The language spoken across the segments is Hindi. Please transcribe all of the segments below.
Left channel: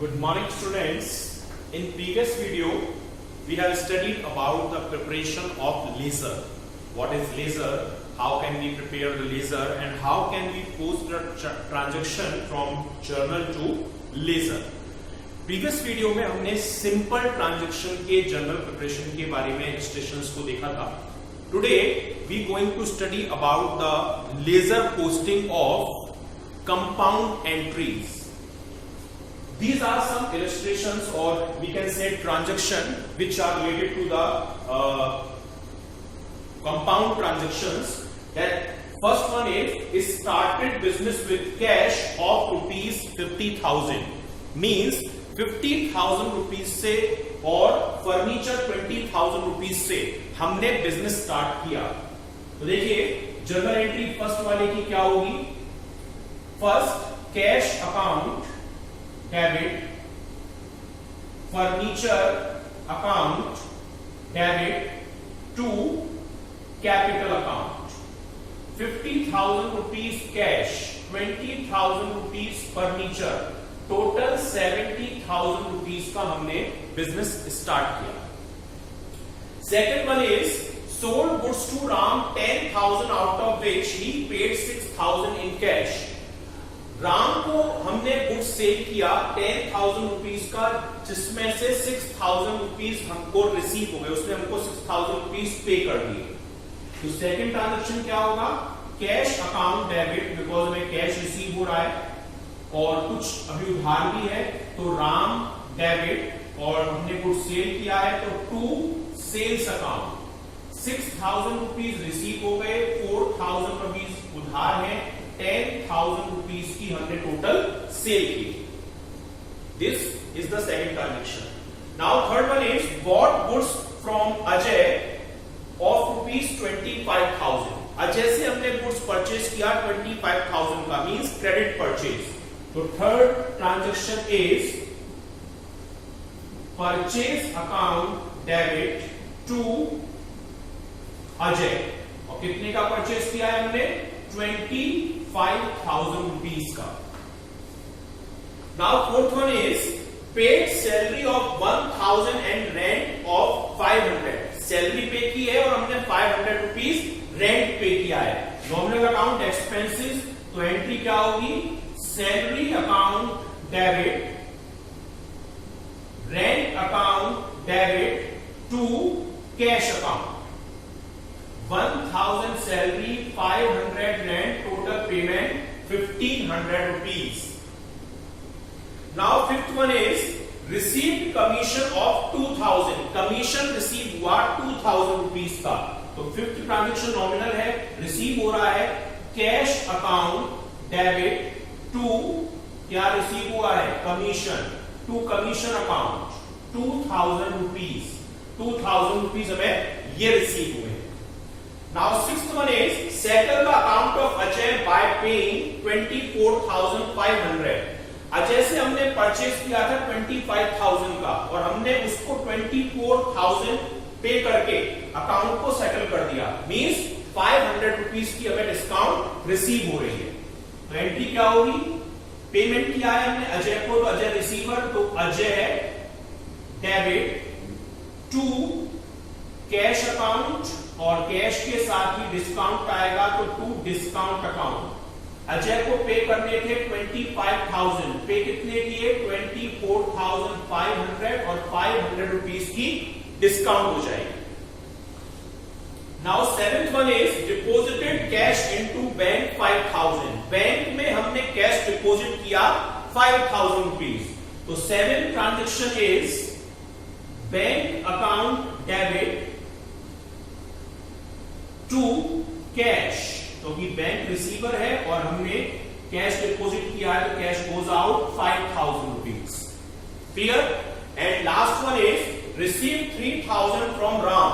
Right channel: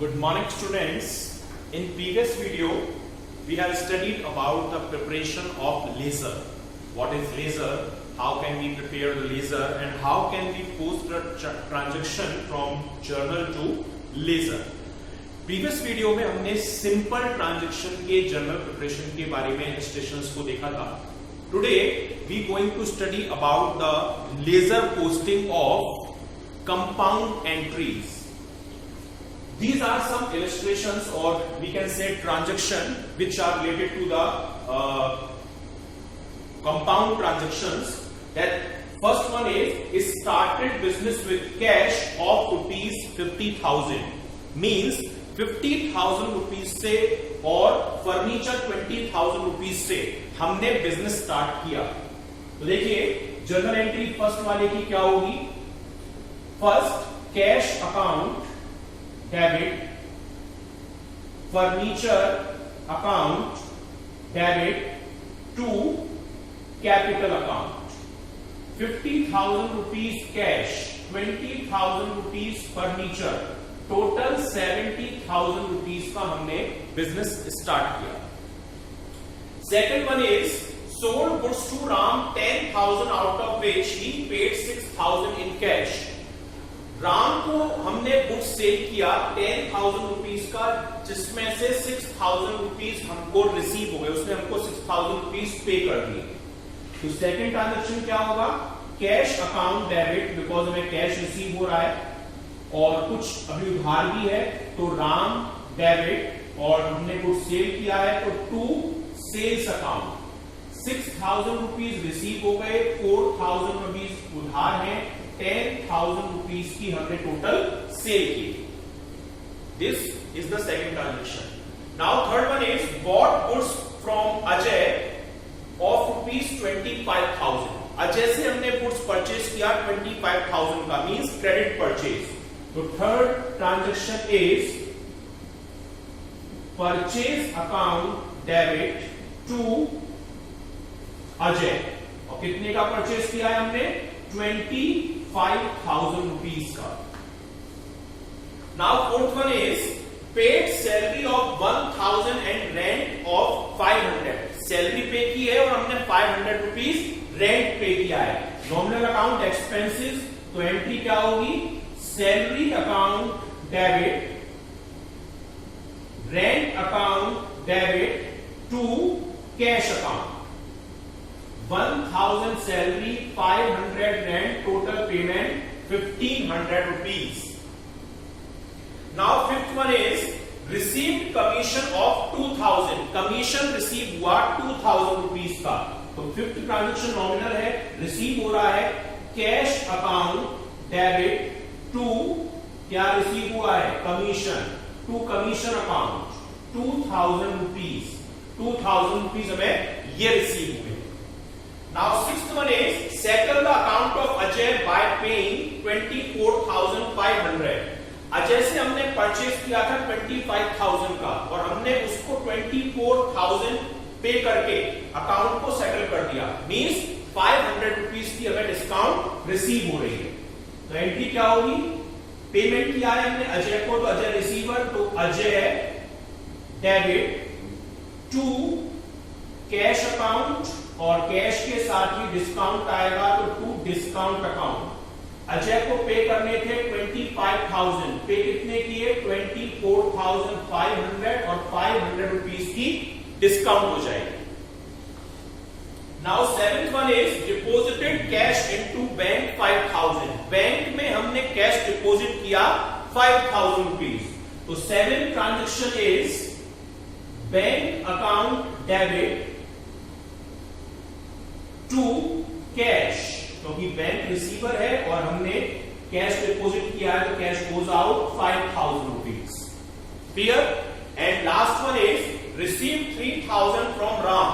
Good morning, students. In previous video, we have studied about the preparation of laser. What is laser? How can we prepare the laser and how can we post the transaction from journal to laser? Previous video में हमने सिंपल ट्रांजैक्शन के जर्नल प्रिपरेशन के बारे में इलस्ट्रेशंस को देखा था. Today we going to study about the ledger posting of compound entries. These are some illustrations or we can say transaction which are related to the compound transactions. That first one is started business with cash of rupees 50,000 means 50,000 rupees से और फर्नीचर 20,000 rupees से हमने बिजनेस स्टार्ट किया. तो देखिए जर्नल एंट्री फर्स्ट वाले की क्या होगी. First cash account debit, furniture account debit to capital account. 50,000 rupees cash, 20,000 rupees furniture, total 70,000 rupees का हमने बिजनेस स्टार्ट किया. Second one is sold goods to Ram 10,000 out of which he paid 6,000 in cash. Ram को हमने गुड्स सेल किया 10,000 रुपीज का जिसमें से 6,000 रुपीज हमको रिसीव हो गए. उसने हमको 6,000 रुपीज पे कर दिए. तो सेकंड ट्रांजैक्शन क्या होगा. कैश अकाउंट डेबिट बिकॉज हमें कैश रिसीव हो रहा है और कुछ अभी उधार भी है तो राम डेबिट और हमने गुड्स सेल किया है तो to sales account 6,000 rupees receive हो गए, 4,000 रुपीज उधार है, 10,000 रुपीज की हमने टोटल सेल की. This is the second transaction. Now third one is bought goods from Ajay of rupees 25,000. Ajay से हमने गुड्स परचेज किया 25,000 का मींस क्रेडिट परचेज. तो third transaction is purchase account debit to Ajay. और कितने का परचेज किया है हमने 25,000 रुपीज का. Now fourth one is paid salary of 1,000 and rent of 500. Salary पे की है और हमने 500 रुपीज रेंट पे किया है. Nominal account expenses. तो एंट्री क्या होगी. Salary account debit, rent account debit to cash account. 1,000 salary, 500 rent, total payment 1,500 rupees. Now fifth one is received commission of 2,000. Commission receive हुआ 2,000 रुपीज का. तो फिफ्थ ट्रांजैक्शन नॉमिनल है, रिसीव हो रहा है कैश अकाउंट डेबिट टू क्या रिसीव हुआ है commission to commission account 2,000 rupees. 2,000 rupees हमें ये रिसीव हुए. Now sixth one is settle the account of Ajay by paying 24,500. Ajay से हमने परचेज किया था 25,000 का और हमने उसको 24,000 पे करके अकाउंट को सेटल कर दिया. मींस 500 रुपीज की हमें डिस्काउंट रिसीव हो रही है. तो एंट्री क्या होगी. पेमेंट किया है हमने अजय को तो अजय रिसीवर. तो Ajay debit to cash account और कैश के साथ ही डिस्काउंट आएगा तो टू डिस्काउंट अकाउंट. अजय को पे करने थे 25,000. पे कितने किए 24,500 और 500 रुपीज की डिस्काउंट हो जाएगी. Now seventh one is deposited cash into bank 5,000. Bank में हमने कैश डिपोजिट किया 5,000 रुपीज. तो seventh transaction is bank account debit to cash. क्योंकि बैंक रिसीवर है और हमने कैश डिपॉजिट किया है तो cash goes out 5,000 rupees. Clear. And last one is receive 3,000 from Ram.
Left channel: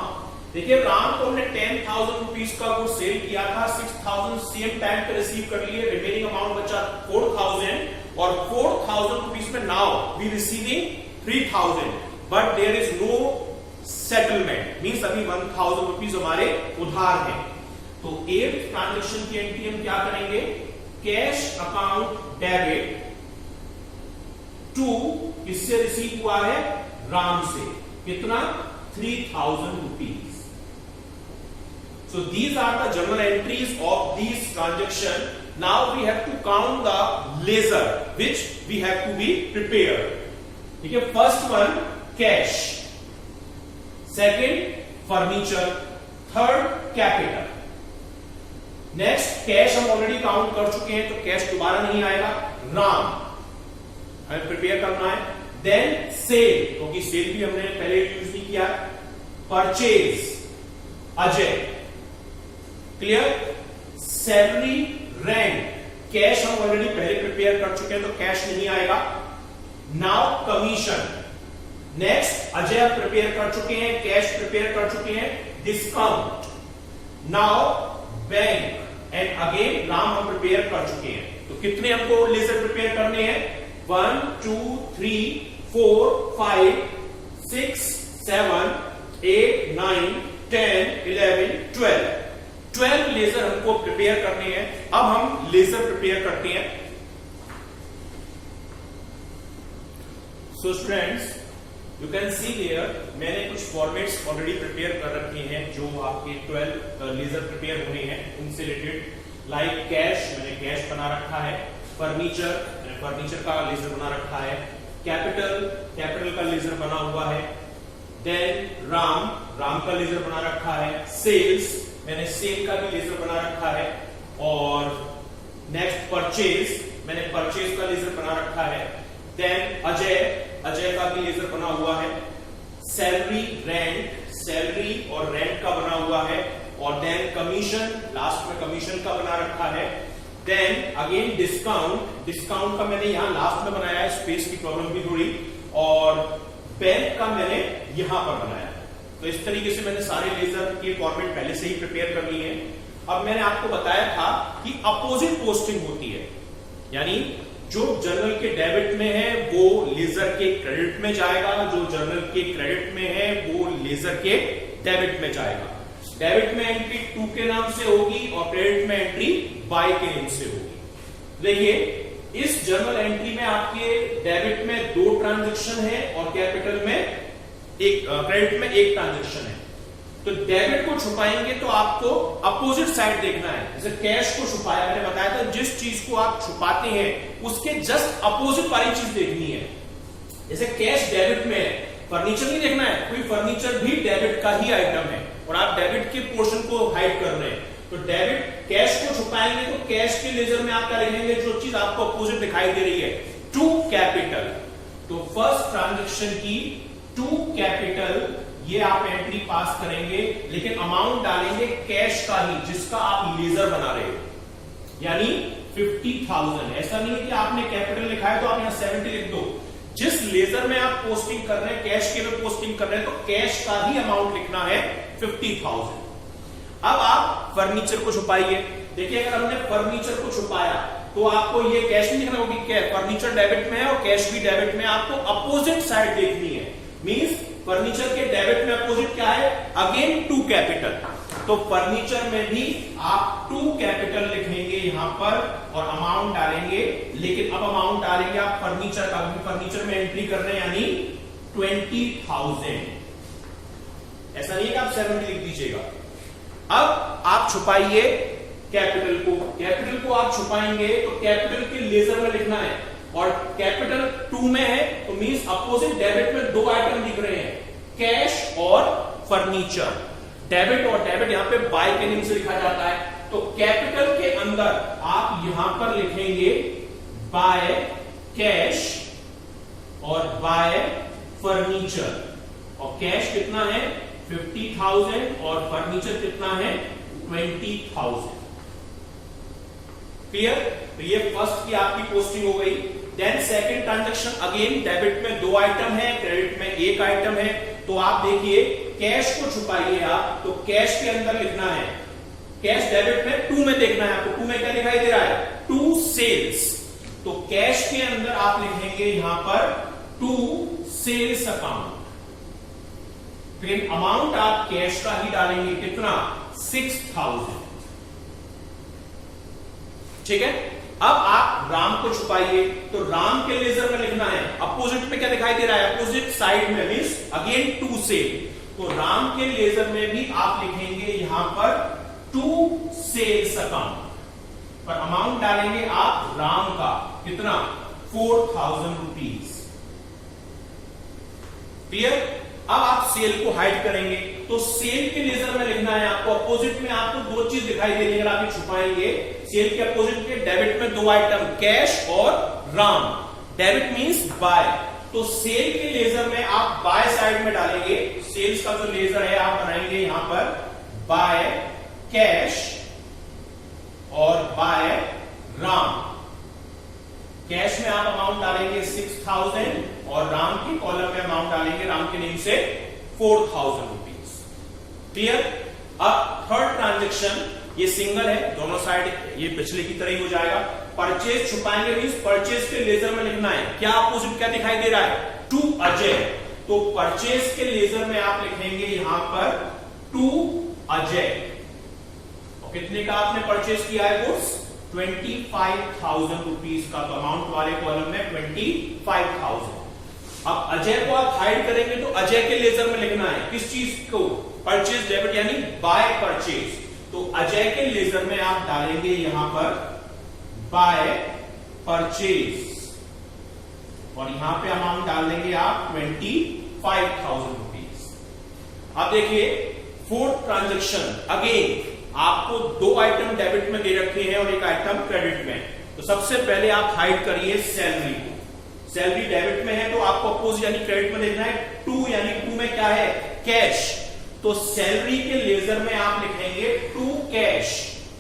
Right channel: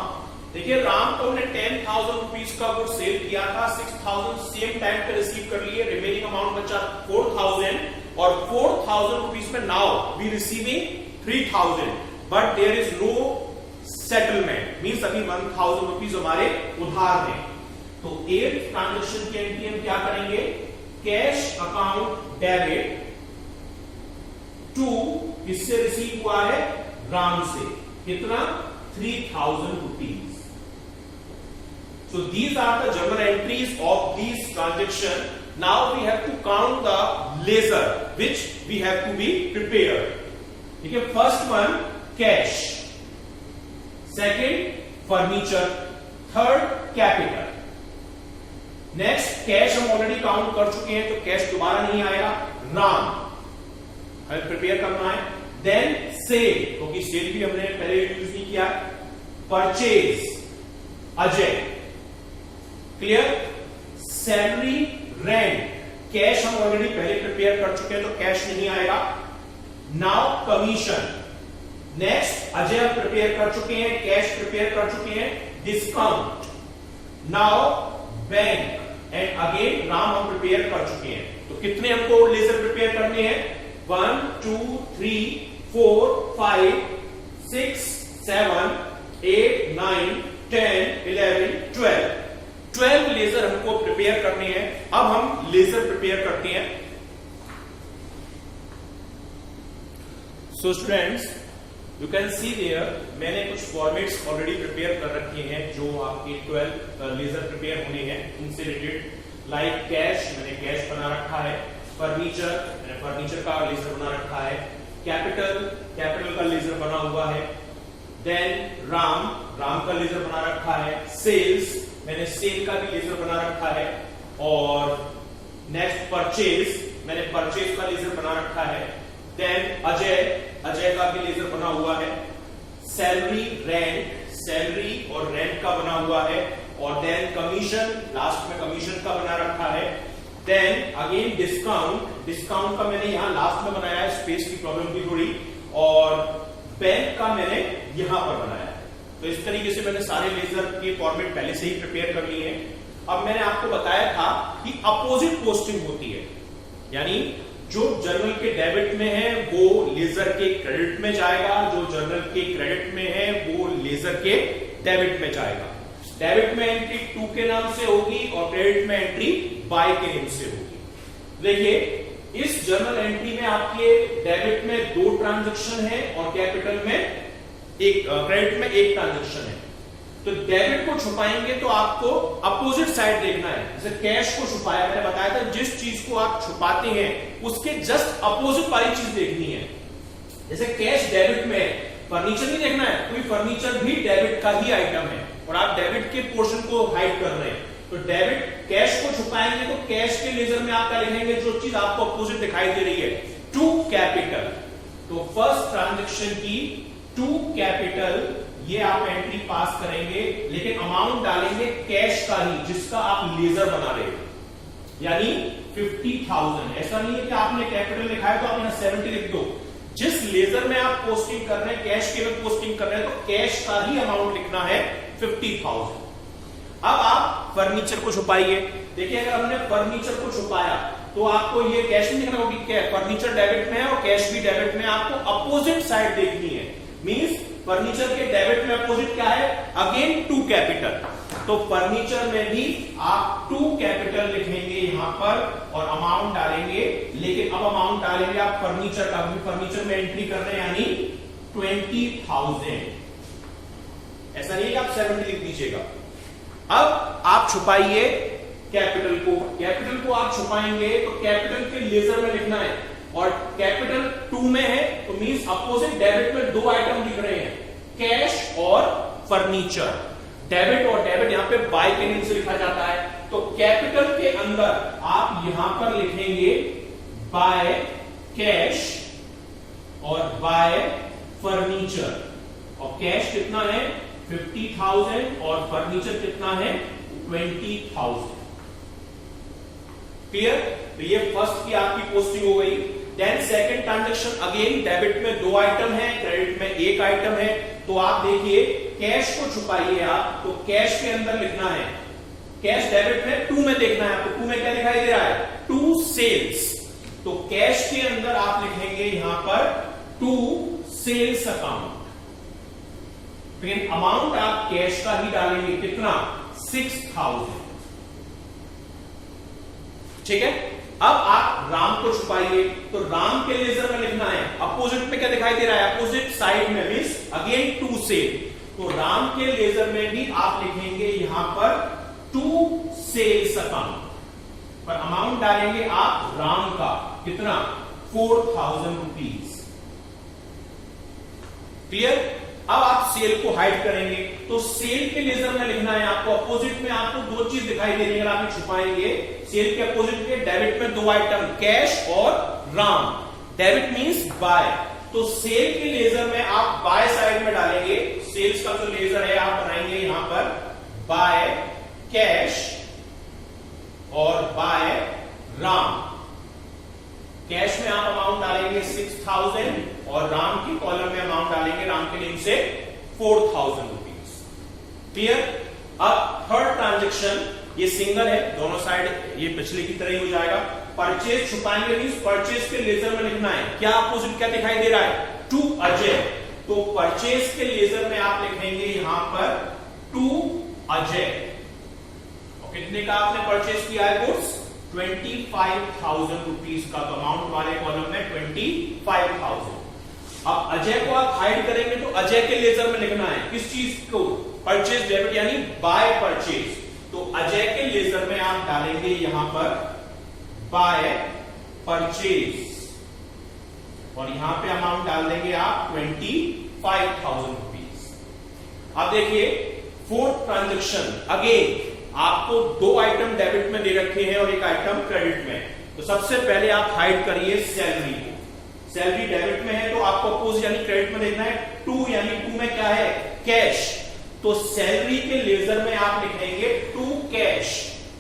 देखिए राम को हमने 10,000 रुपीज का वो सेल किया था. 6,000 सेम टाइम पे रिसीव कर लिए. रिमेनिंग अमाउंट बचा 4,000 और 4,000 रुपीज में now we receiving 3,000 but there is no settlement. Means अभी 1,000 रुपीज हमारे उधार हैं. तो एट्थ ट्रांजैक्शन की एंट्री हम क्या करेंगे. कैश अकाउंट डेबिट टू किससे रिसीव हुआ है? राम से। कितना? 3000 rupees. So these are the journal entries of these transaction. Now we have to count the ledger which we have to be prepared. ठीक है, first one cash, second furniture, third capital. Next cash हम ऑलरेडी काउंट कर चुके हैं तो कैश दोबारा नहीं आएगा, राम हमें प्रिपेयर करना है। देन सेल, क्योंकि सेल भी हमने पहले यूज नहीं किया। Purchase Ajay, clear. Salary, rent, cash हम ऑलरेडी पहले प्रिपेयर कर चुके हैं तो कैश नहीं आएगा। नाउ कमीशन, नेक्स्ट अजय हम प्रिपेयर कर चुके हैं, कैश प्रिपेयर कर चुके हैं। Discount, now bank and again Ram हम प्रिपेयर कर चुके हैं। तो कितने हमको लेजर प्रिपेयर करने हैं? 1 2 3 4 5 6 7 8 9 10 11 12 लेजर हमको प्रिपेयर करने हैं। अब हम लेजर प्रिपेयर करते हैं। So students, you can see there मैंने कुछ फॉर्मेट्स ऑलरेडी प्रिपेयर कर रखे हैं जो आपके 12 लेजर प्रिपेयर होने हैं उनसे रिलेटेड। लाइक कैश, मैंने कैश बना रखा है। फर्नीचर, मैंने फर्नीचर का लेजर बना रखा है। कैपिटल का लेजर बना हुआ है। देन राम का लेजर बना रखा है। सेल्स, मैंने सेल का भी लेजर बना रखा है। और नेक्स्ट परचेज, मैंने परचेज का लेजर बना रखा है। देन अजय का भी लेजर बना हुआ है। सैलरी, रेंट, सैलरी और रेंट का बना हुआ है। और देन कमीशन, लास्ट में कमीशन का बना रखा है। देन अगेन डिस्काउंट का मैंने यहां लास्ट में बनाया है, स्पेस की प्रॉब्लम भी थोड़ी। और बैंक का मैंने यहां पर बनाया है। तो इस तरीके से मैंने सारे लेजर के फॉर्मेट पहले से ही प्रिपेयर कर लिए हैं। अब मैंने आपको बताया था कि अपोजिट पोस्टिंग होती है, यानी जो जर्नल के डेबिट में है वो लेजर के क्रेडिट में जाएगा, जो जर्नल के क्रेडिट में है वो लेजर के डेबिट में जाएगा। डेबिट में एंट्री 2 के नाम से होगी और क्रेडिट में एंट्री बाय के नाम से होगी। देखिए, इस जर्नल एंट्री में आपके डेबिट में 2 ट्रांजैक्शन है और कैपिटल में क्रेडिट में 1 ट्रांजैक्शन है। तो डेबिट को छुपाएंगे तो आपको अपोजिट साइड देखना है। जैसे कैश को छुपाया, मैंने बताया था जिस चीज को आप छुपाते हैं उसके जस्ट अपोजिट वाली चीज देखनी है। जैसे कैश डेबिट में है, फर्नीचर नहीं देखना है, कोई फर्नीचर भी डेबिट का ही आइटम है और आप डेबिट के पोर्शन को हाइड कर रहे हैं। तो डेबिट कैश को छुपाएंगे तो कैश के लेजर में आप क्या लिखेंगे? जो चीज आपको अपोजिट दिखाई दे रही है, टू कैपिटल। तो फर्स्ट ट्रांजैक्शन की टू कैपिटल ये आप एंट्री पास करेंगे, लेकिन अमाउंट डालेंगे कैश का ही जिसका आप लेजर बना रहे हो, यानी 50,000। ऐसा नहीं है कि आपने कैपिटल लिखा है तो आप यहां 70 लिख दो। जिस लेजर में आप पोस्टिंग कर रहे हैं, कैश के में पोस्टिंग कर रहे हैं, तो कैश का ही अमाउंट लिखना है 50,000। अब आप फर्नीचर को छुपाइए। देखिए, अगर हमने फर्नीचर को छुपाया तो आपको ये कैश नहीं लिखना होगी, क्या फर्नीचर डेबिट में है और कैश भी डेबिट में, आपको अपोजिट साइड देखनी है। मींस फर्नीचर के डेबिट में अपोजिट क्या है? Again 2 capital. तो फर्नीचर में भी आप 2 कैपिटल लिखेंगे यहां पर और अमाउंट डालेंगे, लेकिन अब अमाउंट डालेंगे आप फर्नीचर का, फर्नीचर में एंट्री कर रहे हैं यानी 20,000। ऐसा नहीं है कि आप 70 लिख दीजिएगा। अब आप छुपाइए कैपिटल को। कैपिटल को आप छुपाएंगे तो कैपिटल के लेजर में लिखना है और कैपिटल 2 में है तो मींस अपोजिट डेबिट में 2 आइटम दिख रहे हैं, कैश और फर्नीचर। डेबिट और डेबिट यहां पे बाय के नाम से लिखा जाता है। तो कैपिटल के अंदर आप यहां पर लिखेंगे बाय कैश और बाय फर्नीचर। और कैश कितना है? 50,000 और फर्नीचर कितना है? 20,000। क्लियर? तो ये फर्स्ट की आपकी पोस्टिंग हो गई। Then second transaction, again debit में 2 आइटम है, क्रेडिट में 1 आइटम है। तो आप देखिए, कैश को छुपाइए आप, तो कैश के अंदर लिखना है, कैश डेबिट में 2 में देखना है आपको। 2 में क्या दिखाई दे रहा है? 2 सेल्स। तो कैश के अंदर आप लिखेंगे यहां पर 2 सेल्स अकाउंट। लेकिन अमाउंट आप कैश का ही डालेंगे, कितना? 6,000। ठीक है, अब आप राम को छुपाइए, तो राम के लेजर में लिखना है अपोजिट में क्या दिखाई दे रहा है, अपोजिट साइड में मींस अगेन टू सेल, तो राम के लेजर में भी आप लिखेंगे यहां पर टू सेल्स अकाउंट, पर अमाउंट डालेंगे आप राम का कितना 4000 रुपीज। क्लियर। अब आप सेल को हाइड करेंगे, तो सेल के लेजर में लिखना है आपको अपोजिट में, आपको दो चीज दिखाई दे रही है, अगर आप छुपाएंगे सेल के अपोजिट के डेबिट में दो आइटम कैश और राम, डेबिट मींस बाय, तो सेल के लेजर में आप बाय साइड में डालेंगे, सेल्स का जो लेजर है आप बनाएंगे यहां पर बाय कैश और बाय राम। कैश में आप अमाउंट डालेंगे 6000 और राम की कॉलम में अमाउंट डालेंगे राम के नेम से 4000 रुपीज। क्लियर। अब थर्ड ट्रांजेक्शन, ये सिंगल है, दोनों साइड ये पिछले की तरह ही हो जाएगा। परचेज छुपाएंगे मींस परचेज के लेजर में लिखना है, क्या अपोजिट क्या दिखाई दे रहा है, टू अजय, तो परचेज के लेजर में आप लिखेंगे यहां पर टू अजय, और कितने का आपने परचेज किया है गुड्स 25,000 रुपीज का, तो अमाउंट वाले कॉलम में 25,000। अब अजय को आप हाइड करेंगे तो अजय के लेजर में लिखना है किस चीज को, परचेज डेबिट यानी बाय परचेज, तो अजय के लेजर में आप डालेंगे यहां पर बाय परचेज और यहां पे अमाउंट डाल देंगे आप 25,000 रुपीज। अब देखिए फोर्थ ट्रांजेक्शन, अगेन आपको दो आइटम डेबिट में दे रखे हैं और एक आइटम क्रेडिट में, तो सबसे पहले आप हाइड करिए सैलरी को, सैलरी डेबिट में है तो आपको अपोजिट यानी क्रेडिट में देखना है टू, यानी टू में क्या है कैश, तो सैलरी के लेजर में आप लिखेंगे टू कैश,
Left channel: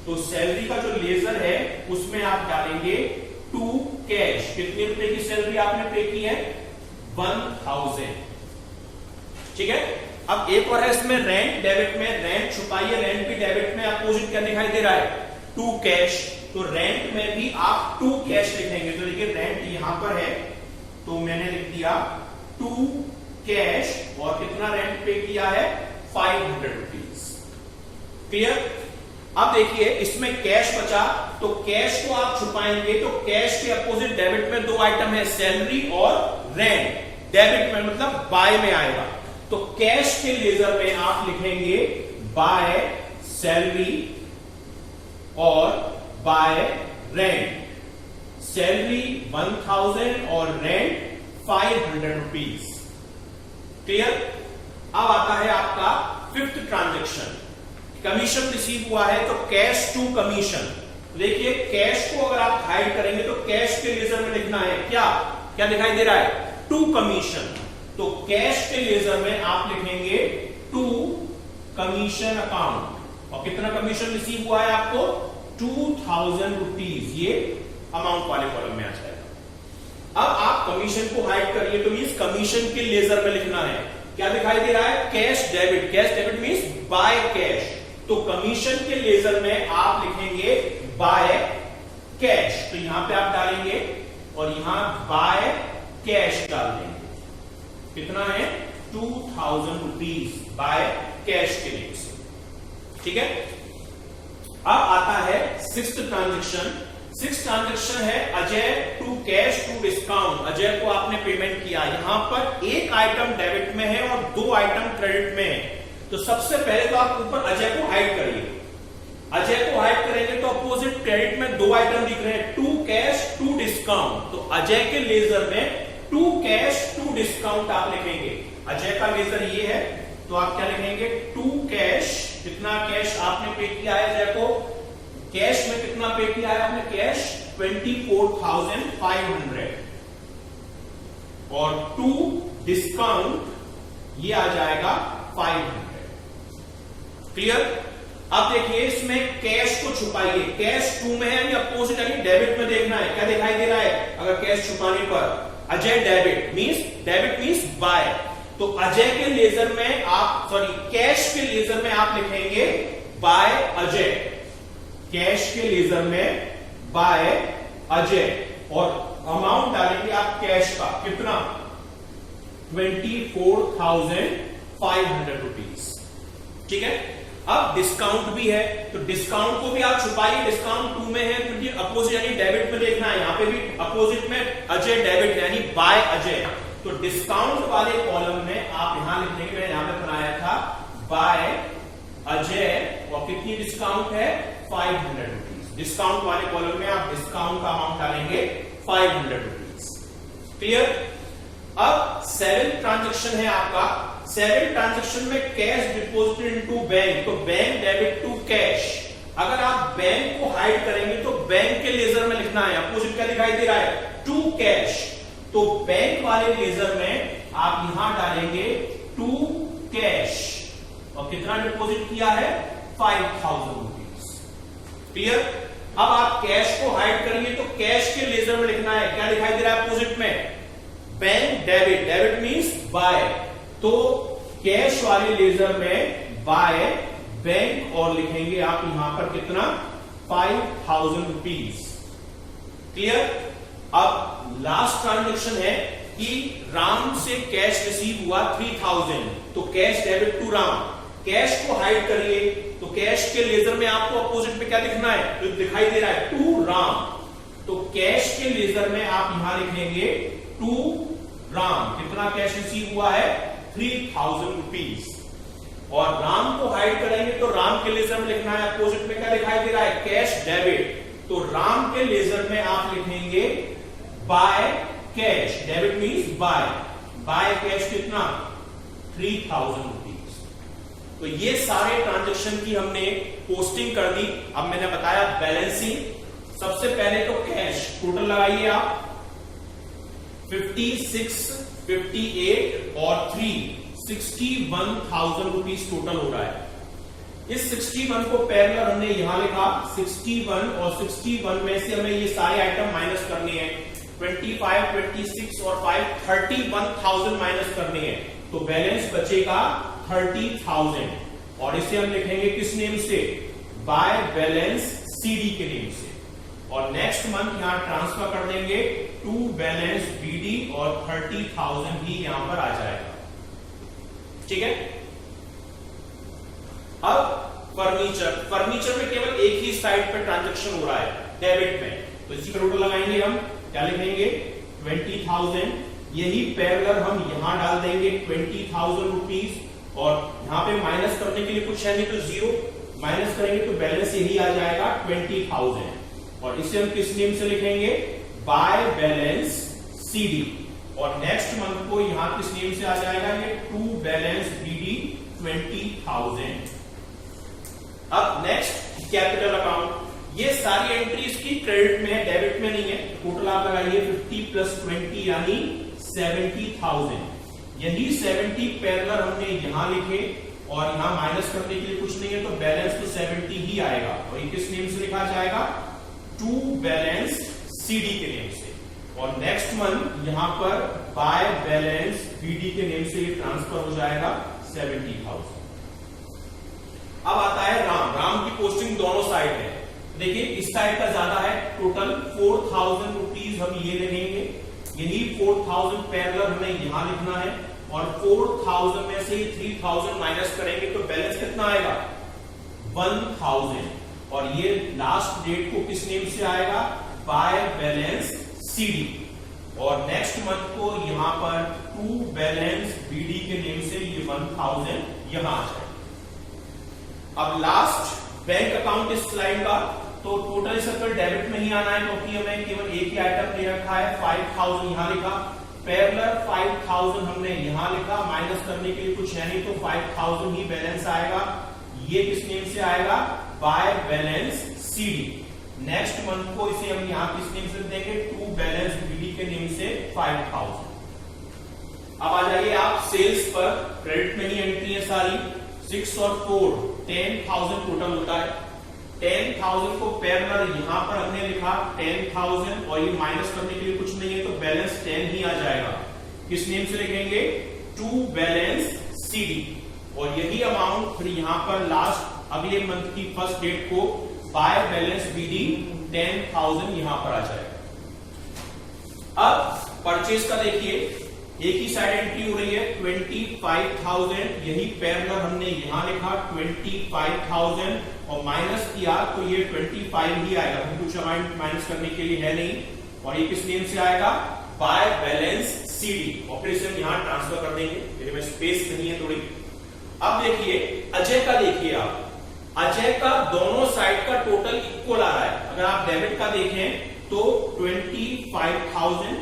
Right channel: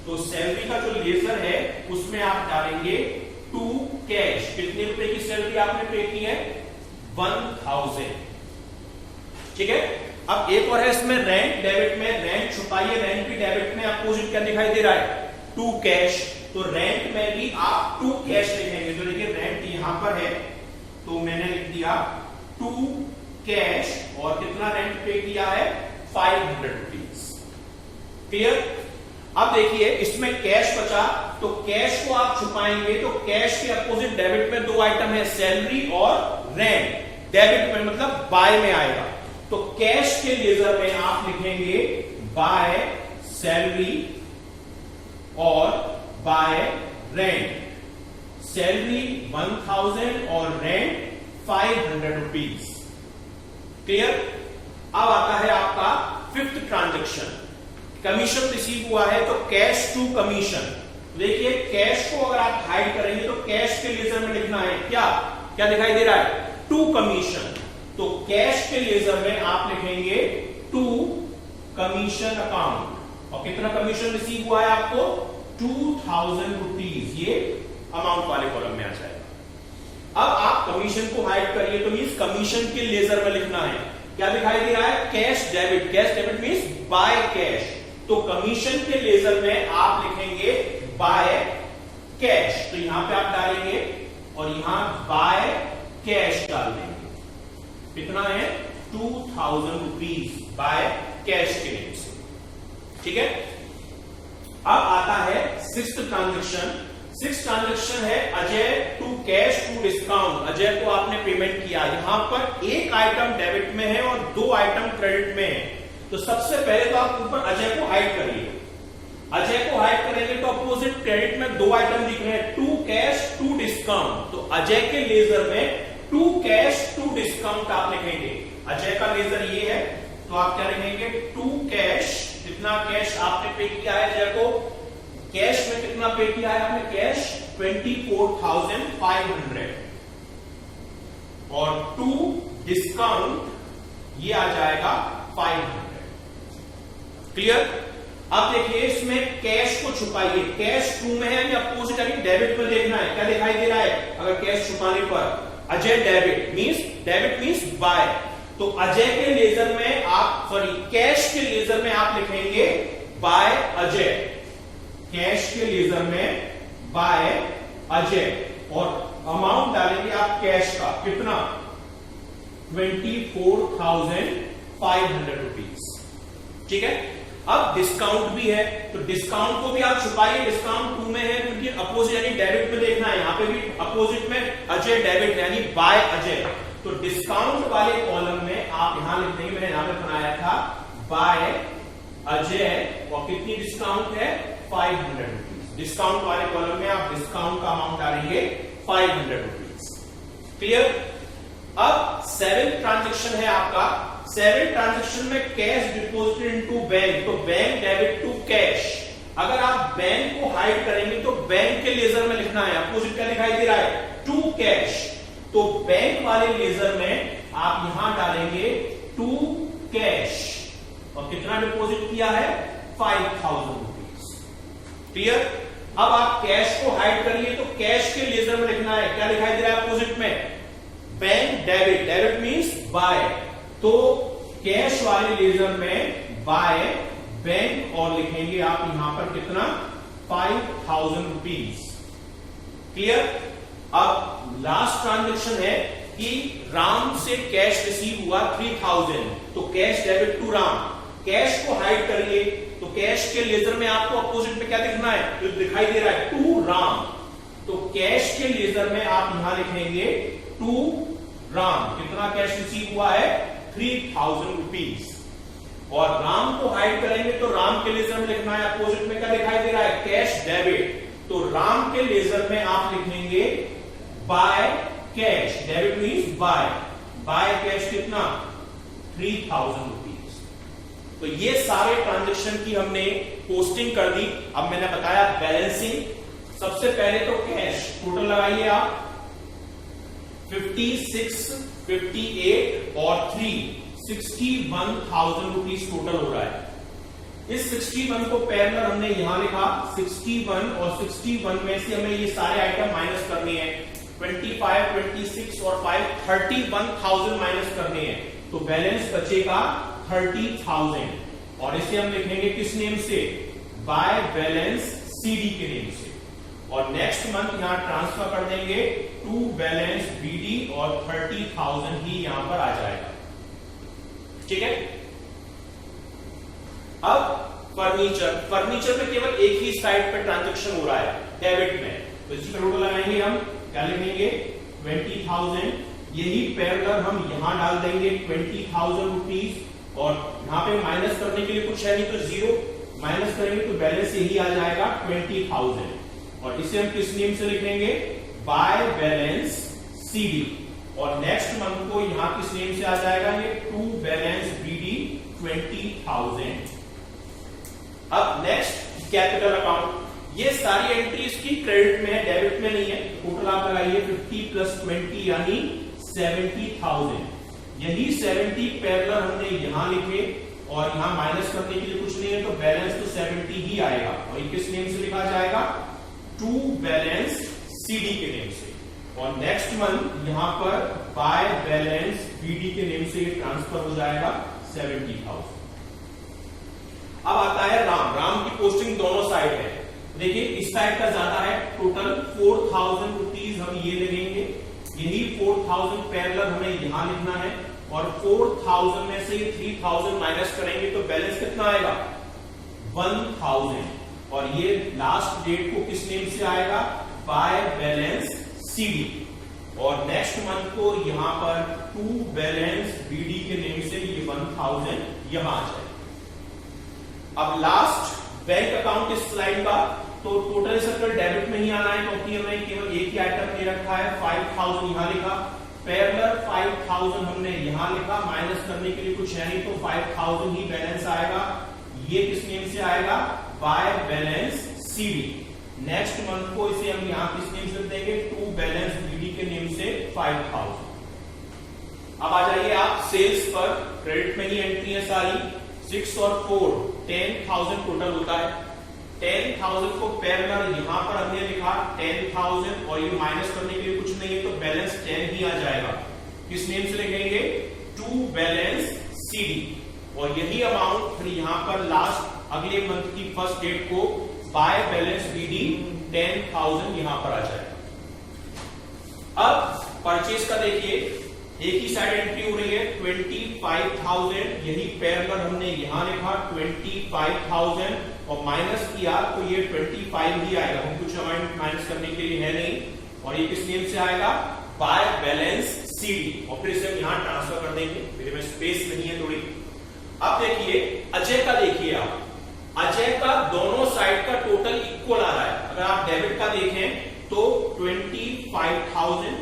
तो सैलरी का जो लेजर है उसमें आप डालेंगे टू कैश। कितने रुपए की सैलरी आपने पे की है 1000। ठीक है। अब एक और है इसमें रेंट, डेबिट में रेंट छुपाइए, रेंट भी डेबिट में अपोजिट क्या दिखाई दे रहा है टू कैश, तो रेंट में भी आप टू कैश लिखेंगे, तो देखिए रेंट यहां पर है तो मैंने लिख दिया टू कैश और कितना रेंट पे किया है 500 रुपीज। क्लियर। अब देखिए इसमें कैश बचा, तो कैश को आप छुपाएंगे, तो कैश के अपोजिट डेबिट में दो आइटम है सैलरी और रेंट, डेबिट में मतलब बाय में आएगा, तो कैश के लेजर में आप लिखेंगे बाय सैलरी और बाय रेंट, सैलरी 1000 और रेंट 500 रुपीज। क्लियर। अब आता है आपका फिफ्थ ट्रांजेक्शन, कमीशन रिसीव हुआ है तो कैश टू कमीशन, देखिए कैश को अगर आप हाइड करेंगे तो कैश के लेजर में लिखना है क्या क्या दिखाई दे रहा है टू कमीशन, तो कैश के लेजर में आप लिखेंगे टू कमीशन अकाउंट, और कितना कमीशन रिसीव हुआ है आपको 2000 रुपीज, ये अमाउंट वाले कॉलम में आ जाएगा। अब आप कमीशन को हाइड करिए, तो मींस कमीशन के लेजर में लिखना है, क्या दिखाई दे रहा है cash debit, cash debit means by cash, तो कमीशन के लेजर में आप लिखेंगे बाय कैश, तो यहां पे आप डालेंगे और यहां बाय कैश डाल देंगे, कितना है 2000 रुपीज बाय कैश के नेम से। ठीक है। अब आता है सिक्स्थ ट्रांजेक्शन, सिक्स ट्रांजेक्शन है Ajay to cash to discount, Ajay को आपने पेमेंट किया, यहां पर एक आइटम डेबिट में है और दो आइटम क्रेडिट में है, तो सबसे पहले तो आप ऊपर अजय को हाइड करिए, अजय को हाइड करेंगे तो अपोजिट क्रेडिट में दो आइटम दिख रहे हैं टू कैश टू डिस्काउंट, तो अजय के लेजर में टू कैश टू डिस्काउंट आप लिखेंगे, अजय का लेजर ये है तो आप क्या लिखेंगे टू कैश, कितना कैश आपने पे किया है अजय को, कैश में कितना पे किया है आपने कैश 24,500 और टू डिस्काउंट ये आ जाएगा 500। क्लियर। अब देखिए इसमें कैश को छुपाइए, कैश टू में है यानी अपोजिट यानी डेबिट में देखना है, क्या दिखाई दे रहा है अगर कैश छुपाने पर अजय डेबिट मींस बाय, तो अजय के लेजर में आप कैश के लेजर में आप लिखेंगे बाय अजय, कैश के लेजर में बाय अजय और अमाउंट डालेंगे आप कैश का कितना 24,500 रुपीज। ठीक है। अब डिस्काउंट भी है, तो डिस्काउंट को भी आप छुपाइए, डिस्काउंट 2 में है, क्योंकि अपोजिट यानी डेबिट में देखना है, यहां पे भी अपोजिट में अजय डेबिट यानी बाय अजय, तो डिस्काउंट वाले कॉलम में आप यहां लिख देंगे, मैंने यहां पे बनाया था बाय अजय, और कितनी डिस्काउंट है 500 रुपीज। डिस्काउंट वाले कॉलम में आप डिस्काउंट का अमाउंट डालेंगे 500 रुपीज। क्लियर। अब 7th ट्रांजेक्शन है आपका, 7th ट्रांजेक्शन में कैश डिपॉजिटेड इनटू बैंक, तो बैंक डेबिट टू कैश। अगर आप बैंक को हाइड करेंगे तो बैंक के लेजर में लिखना है, अपोजिट क्या दिखाई दे रहा है टू कैश, तो बैंक वाले लेजर में आप यहां डालेंगे टू कैश, और कितना डिपॉजिट किया है 5000 रुपीज। क्लियर। अब आप कैश को हाइड करिए तो कैश के लेजर में लिखना है, क्या दिखाई दे रहा है अपोजिट में bank debit, debit means by, तो कैश वाले लेजर में बाय बैंक और लिखेंगे आप यहां पर कितना 5000 रुपीज। क्लियर। अब लास्ट ट्रांजेक्शन है कि राम से कैश रिसीव हुआ 3000, तो cash debit to Ram, cash को हाइड करिए तो कैश के लेजर में आपको अपोजिट में क्या दिखना है, जो दिखाई दे रहा है टू राम, तो कैश के लेजर में आप यहां लिखेंगे टू राम, कितना कैश रिसीव हुआ है 3000 रुपीज, और राम को हाइड करेंगे तो राम के लेजर में लिखना है, अपोजिट में क्या दिखाई दे रहा है कैश डेबिट, तो राम के लेजर में आप लिखेंगे by cash, debit means bye, by cash कितना 3000 रुपीज। तो ये सारे ट्रांजेक्शन की हमने पोस्टिंग कर दी। अब मैंने बताया बैलेंसिंग। सबसे पहले तो कैश टोटल लगाइए आप 56, 58 और 3 61,000 रुपीज टोटल हो रहा है। इस 61 को पैरेलल हमने यहां लिखा 61, और 61 में से हमें ये सारे आइटम माइनस करने हैं, 25, 26 और 5 31,000 माइनस करने हैं, तो बैलेंस बचेगा 30,000, और इसे हम लिखेंगे किस नेम से बाय बैलेंस सीडी के नेम से, और नेक्स्ट मंथ यहां ट्रांसफर कर देंगे टू बैलेंस बीडी, और 30,000 ही यहां पर आ जाएगा। ठीक है। अब फर्नीचर में केवल एक ही साइड पर ट्रांजैक्शन हो रहा है डेबिट में, तो इसी का टोटल लगाएंगे हम, क्या लिखेंगे 20,000, यही पैरेलल हम यहां डाल देंगे 20,000 रुपीज, और यहां पे माइनस करने के लिए कुछ है नहीं तो 0 माइनस करेंगे तो बैलेंस यही आ जाएगा 20,000, और इसे हम किस नेम से लिखेंगे बाय बैलेंस सीडी, और नेक्स्ट मंथ को यहां किस नेम से आ जाएगा ये टू बैलेंस बीडी 20,000। अब नेक्स्ट कैपिटल अकाउंट, ये सारी एंट्रीज की क्रेडिट में है, डेबिट में नहीं है, टोटल आप लगाइए 50 + 20 यानी 70,000, यही 70 पैरेलल हमने यहां लिखे, और यहां माइनस करने के लिए कुछ नहीं है, तो बैलेंस तो 70 ही आएगा, और ये किस नेम से लिखा जाएगा टू बैलेंस सीडी के नेम से, और नेक्स्ट मंथ यहां पर बाय बैलेंस बीडी के नेम से ये ट्रांसफर हो जाएगा 70,000। अब आता है राम की पोस्टिंग दोनों साइड है, देखिए इस साइड का ज्यादा है, टोटल 4,000 रुपीज हम ये लगेंगे, यही 4,000 पैरेलल हमें यहां लिखना है, और 4,000 में से 3,000 माइनस करेंगे तो बैलेंस कितना आएगा 1,000, और ये लास्ट डेट को किस नेम से आएगा बाय बैलेंस सीडी, और नेक्स्ट मंथ को यहां पर टू बैलेंस बीडी के नेम से ये 1,000 यहां आ जाएगा। अब लास्ट बैंक अकाउंट इस स्लाइड का, तो टोटल सर्कल डेबिट में ही आना है, क्योंकि हमें केवल एक ही आइटम दे रखा है, 5,000 यहां लिखा, पैरेलल 5,000 हमने यहां लिखा, माइनस करने के लिए कुछ है नहीं, तो 5,000 ही बैलेंस आएगा, ये किस नेम से आएगा by balance CD, next month को इसे हम यहां किस नेम से देंगे टू बैलेंस बीडी के नेम से 5,000। अब आ जाइए आप सेल्स पर, क्रेडिट में ही एंट्री है सारी, 6 और 4 10,000 टोटल होता है, 10,000 को पैरेलल यहां पर हमने लिखा 10,000, और ये माइनस करने के लिए कुछ नहीं है, तो बैलेंस 10 ही आ जाएगा, किस नेम से लिखेंगे टू बैलेंस सीडी, और यही अमाउंट फिर यहां पर लास्ट अगले मंथ की फर्स्ट डेट को बाय बैलेंस बीडी 10,000 यहां पर आ जाएगा। अब परचेज का देखिए, एक ही साइड एंट्री हो रही है 25,000, यही पैरेलल हमने यहां लिखा 25,000 और माइनस किया तो ये 25 ही आएगा, हम कुछ माइनस करने के लिए है नहीं। और ये किस नेम से आएगा, बाय बैलेंस सीडी, और फिर से यहां ट्रांसफर कर देंगे, मेरे में स्पेस नहीं है थोड़ी। अब देखिए अजय का, देखिए आप अजय का दोनों साइड का टोटल इक्वल आ रहा है। अगर आप डेबिट का देखें तो 25,000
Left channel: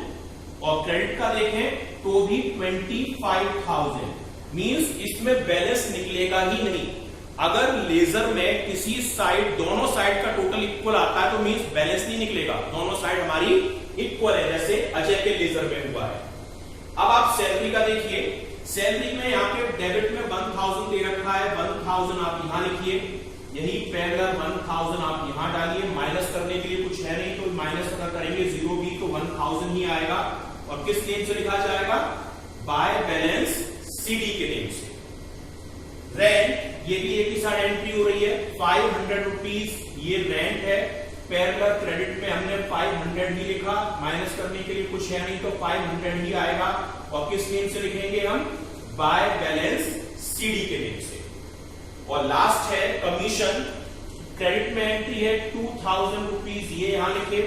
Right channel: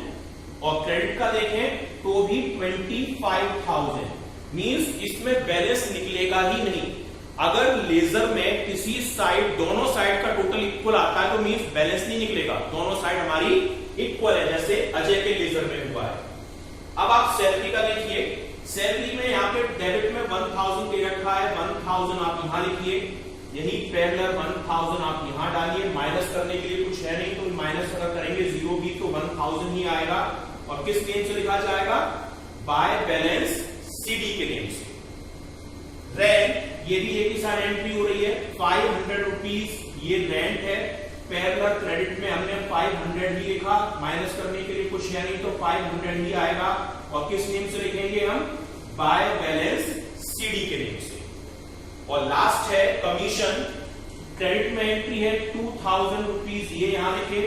और क्रेडिट का देखें तो भी 25,000, मींस इसमें बैलेंस निकलेगा ही नहीं। अगर लेजर में किसी साइड, दोनों साइड का टोटल इक्वल आता है तो मींस बैलेंस नहीं निकलेगा, दोनों साइड हमारी इक्वल है, जैसे अजय के लेजर में हुआ है। अब आप सैलरी का देखिए, सैलरी में यहाँ पे डेबिट में 1000 दे रखा है, 1000 आप यहां लिखिए, यही पैरेलल 1000 आप यहां डालिए, माइनस करने के लिए कुछ है नहीं तो माइनस अगर करेंगे 0 भी तो 1000 ही आएगा। और किस नेम से लिखा जाएगा, बाय बैलेंस सीडी के नेम से। रेंट, ये भी एक ही साइड एंट्री हो रही है 500 रुपीज, ये रेंट है, पैरेलल क्रेडिट में हमने 500 ही लिखा, माइनस करने के लिए कुछ है नहीं तो 500 ही आएगा। और किस नेम से लिखेंगे हम, बाय बैलेंस सीडी के नेम से। और लास्ट है कमीशन, क्रेडिट में एंट्री है 2000 रुपीज, ये यहां लिखे,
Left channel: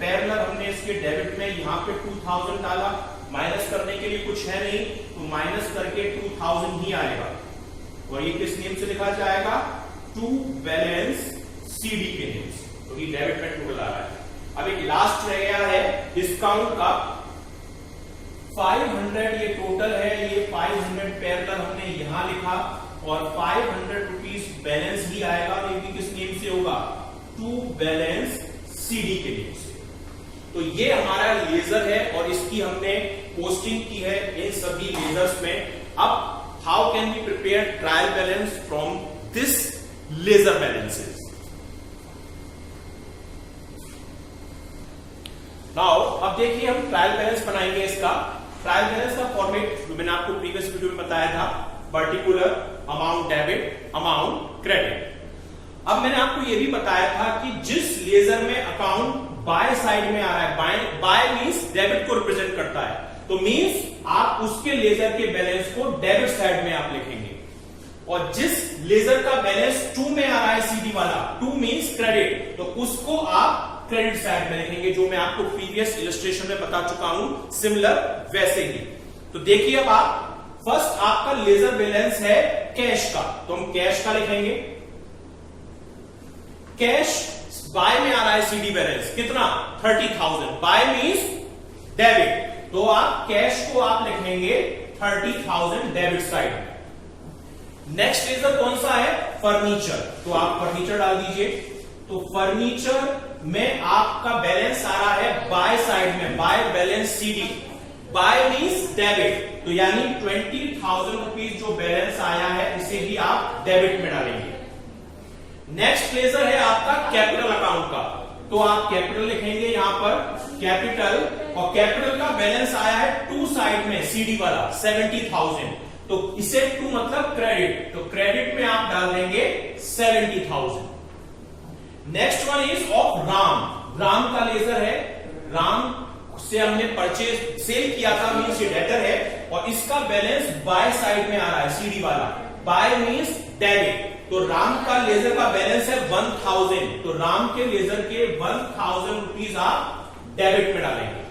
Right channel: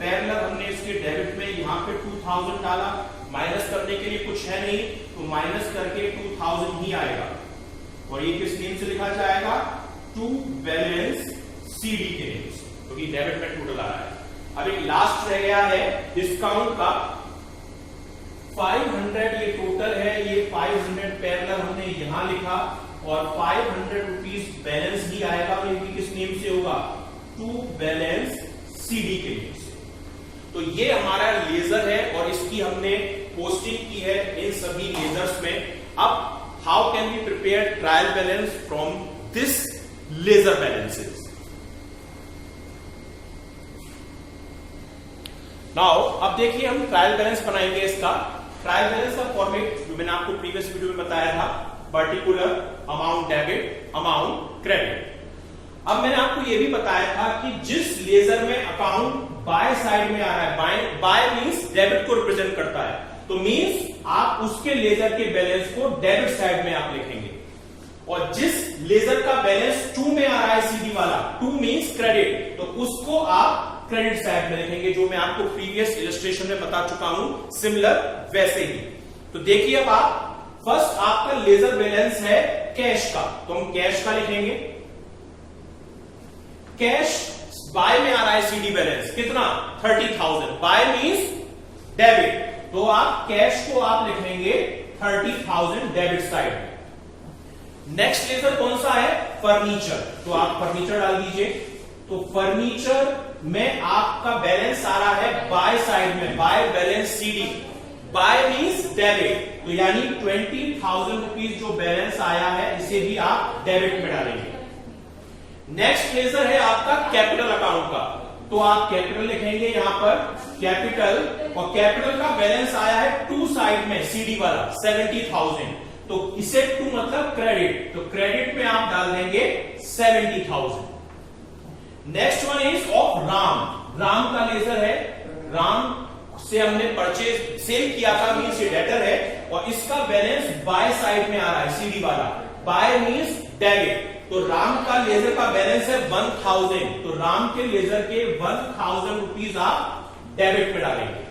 पैरेलल हमने इसके डेबिट में यहां पे 2000 डाला, माइनस करने के लिए कुछ है नहीं तो माइनस करके 2000 ही आएगा। और ये किस नेम से लिखा जाएगा, टू बैलेंस सीडी के नेम से, क्योंकि तो डेबिट में टोटल आ रहा है। अब एक लास्ट रह गया है डिस्काउंट का, 500 ये टोटल है, ये 500 पैरेलल हमने यहां लिखा और 500 रुपीज बैलेंस ही आएगा, ये भी किस नेम से होगा, टू बैलेंस सीडी के नेम से। तो ये हमारा लेजर है और इसकी हमने पोस्टिंग की है इन सभी लेजर्स में। अब how can we prepare trial balance from this ledger balances. Now अब देखिए हम ट्रायल बैलेंस बनाएंगे। इसका ट्रायल बैलेंस का फॉर्मेट जो मैंने आपको प्रीवियस वीडियो में बताया था, particular, amount debit, amount credit. अब मैंने आपको यह भी बताया था कि जिस लेजर में अकाउंट बाय साइड में आ रहा है, बाय मींस डेबिट को रिप्रेजेंट करता है, तो मींस आप उसके लेजर के बैलेंस को डेबिट साइड में आप लिखेंगे। और जिस लेजर का बैलेंस 2 में आ रहा है, सीडी वाला, 2 मींस क्रेडिट, तो उसको आप क्रेडिट साइड में लिखेंगे, जो मैं आपको प्रीवियस इलस्ट्रेशन में बता चुका हूं, सिमिलर वैसे ही। तो देखिए अब आप, फर्स्ट आपका लेजर बैलेंस है कैश का, तो हम कैश का लिखेंगे। कैश बाय में आ रहा है सीडी बैलेंस कितना, 30,000, बाय मींस डेबिट, तो आप कैश को आप लिखेंगे 30,000 डेबिट साइड में। नेक्स्ट लेजर कौन सा है, फर्नीचर, तो आप फर्नीचर डाल दीजिए। तो फर्नीचर में आपका बैलेंस आ रहा है बाय साइड में, by balance CD, by means debit, तो यानी 20,000 रुपीज जो बैलेंस आया है इसे भी आप डेबिट में डालेंगे। नेक्स्ट लेजर है आपका कैपिटल अकाउंट का, तो आप कैपिटल लिखेंगे यहां पर कैपिटल, और कैपिटल का बैलेंस आया है 2 साइड में, सीडी वाला 70,000, तो इसे 2 मतलब क्रेडिट, तो क्रेडिट में आप डाल देंगे 70,000। Next one is of Ram, Ram का लेजर है, राम से हमने परचेज सेल किया था, मींस ये डेटर है, और इसका बैलेंस बाय साइड में आ रहा है, सीडी वाला, बाय मींस डेबिट, तो राम का लेजर का बैलेंस है 1000, तो राम के लेजर के 1000 रुपीज आप डेबिट में डालेंगे।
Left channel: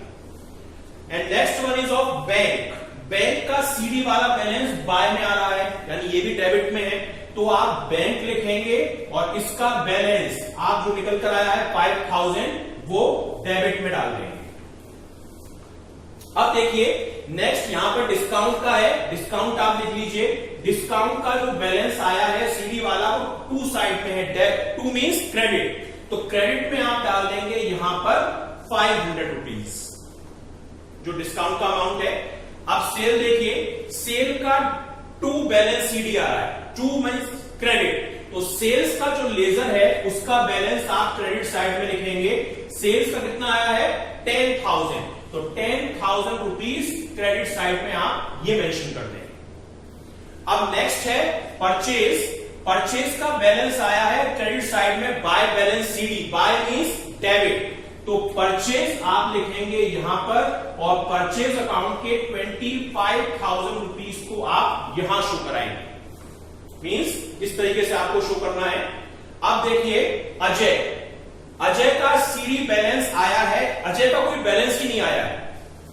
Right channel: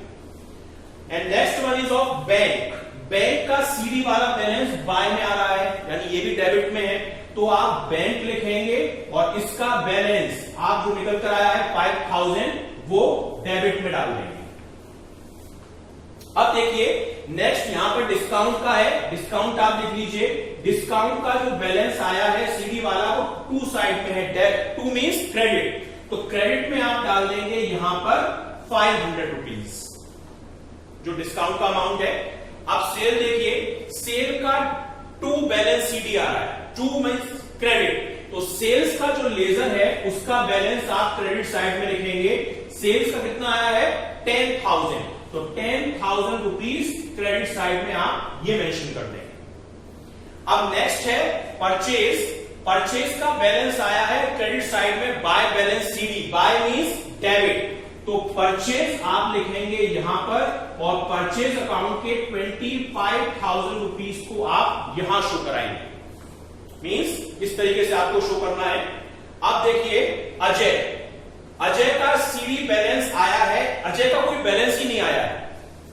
And next one is of bank, bank का सीडी वाला बैलेंस बाय में आ रहा है, यानी ये भी डेबिट में है, तो आप बैंक लिखेंगे और इसका बैलेंस आप जो निकल कर आया है 5000, वो डेबिट में डाल देंगे। अब देखिए नेक्स्ट यहां पर डिस्काउंट का है, डिस्काउंट आप लिख लीजिए। डिस्काउंट का जो बैलेंस आया है सीडी वाला, वो 2 साइड में है, 2 मींस क्रेडिट, तो क्रेडिट में आप डाल देंगे यहां पर 500 रुपीज, जो डिस्काउंट का अमाउंट है। अब सेल देखिए, सेल का 2 बैलेंस सीडी आ रहा है, 2 मींस क्रेडिट, तो सेल्स का जो लेजर है उसका बैलेंस आप क्रेडिट साइड में लिखेंगे। सेल्स का कितना आया है, 10,000, तो 10,000 रुपीज क्रेडिट साइड में आप ये मेंशन कर देंगे। अब नेक्स्ट है परचेज, परचेज का बैलेंस आया है क्रेडिट साइड में by balance CD, by means debit, तो परचेज आप लिखेंगे यहां पर और परचेज अकाउंट के 25,000 रुपीज को आप यहां शो कराएंगे। मींस इस तरीके से आपको शो करना है। अब देखिए अजय का सीडी बैलेंस आया है, अजय का कोई बैलेंस ही नहीं आया है,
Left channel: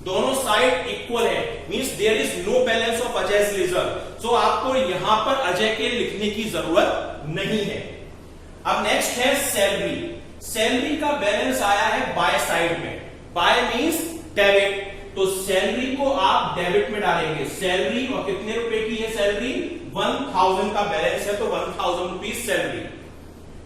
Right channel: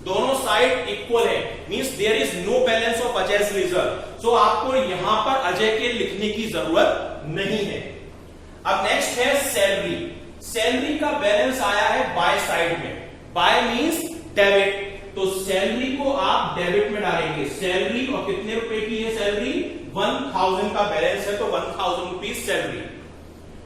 दोनों साइड इक्वल है, means there is no balance of अजय's रिजर्व। सो आपको यहां पर अजय के लिखने की जरूरत नहीं है। अब नेक्स्ट है सैलरी। सैलरी का बैलेंस आया है बाय साइड में, बाय मींस डेबिट, तो सैलरी को आप डेबिट में डालेंगे। सैलरी और कितने रुपए की है सैलरी, 1000 का बैलेंस है तो 1000 रुपीज सैलरी।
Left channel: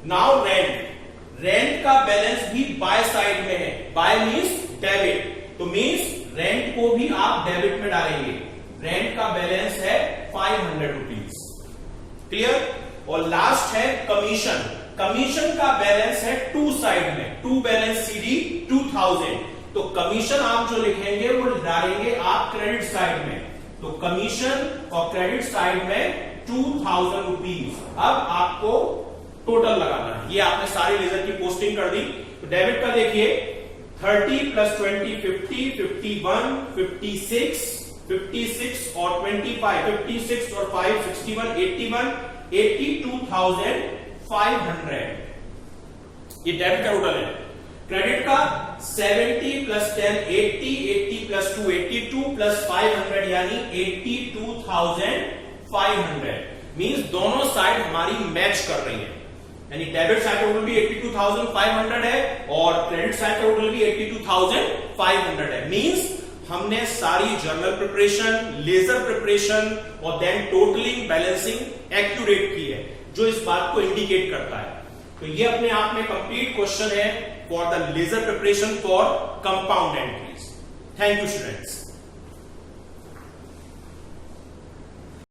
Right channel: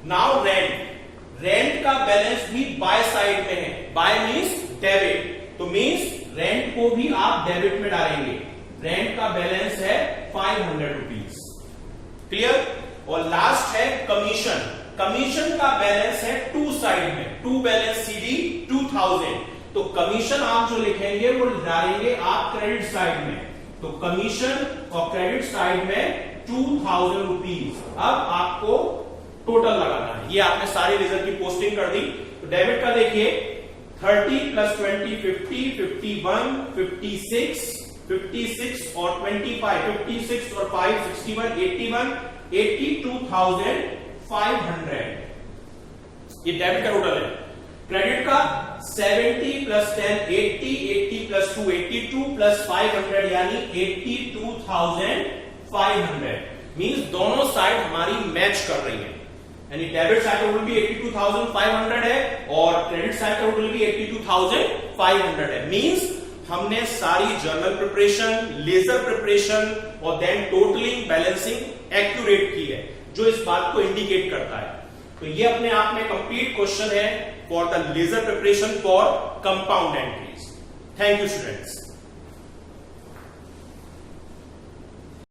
नाउ रेंट का बैलेंस भी बाय साइड में है, बाय मींस डेबिट, तो मींस रेंट को भी आप डेबिट में डालेंगे। रेंट का बैलेंस है 500 रुपीज, क्लियर। और लास्ट है कमीशन। कमीशन का बैलेंस है टू साइड में, टू बैलेंस सीडी 2000, तो कमीशन आप जो लिखेंगे वो डालेंगे आप क्रेडिट साइड में, तो कमीशन और क्रेडिट साइड में 2000 रुपीज। अब आपको टोटल लगाना है, ये आपने सारी लेजर की पोस्टिंग कर दी। तो डेबिट का देखिए 30 + 20 50, 51, 56 और 25, 56 और 5 61, 81, 82,500, ये डेबिट का टोटल है। क्रेडिट का 70 + 10 80, 80 + 2 82 + 500 यानी 82,500। मींस दोनों साइड हमारी मैच कर रही है, यानी डेबिट साइड का टोटल भी 82,500 है और क्रेडिट साइड का टोटल भी 82,500 है। मींस हमने सारी जर्नल प्रिपरेशन, लेजर प्रिपरेशन और देन टोटलिंग बैलेंसिंग एक्यूरेट की है, जो इस बात को इंडिकेट करता है। तो ये अपने आप में कंप्लीट क्वेश्चन है for the ledger preparation for compound entries. Thank you students.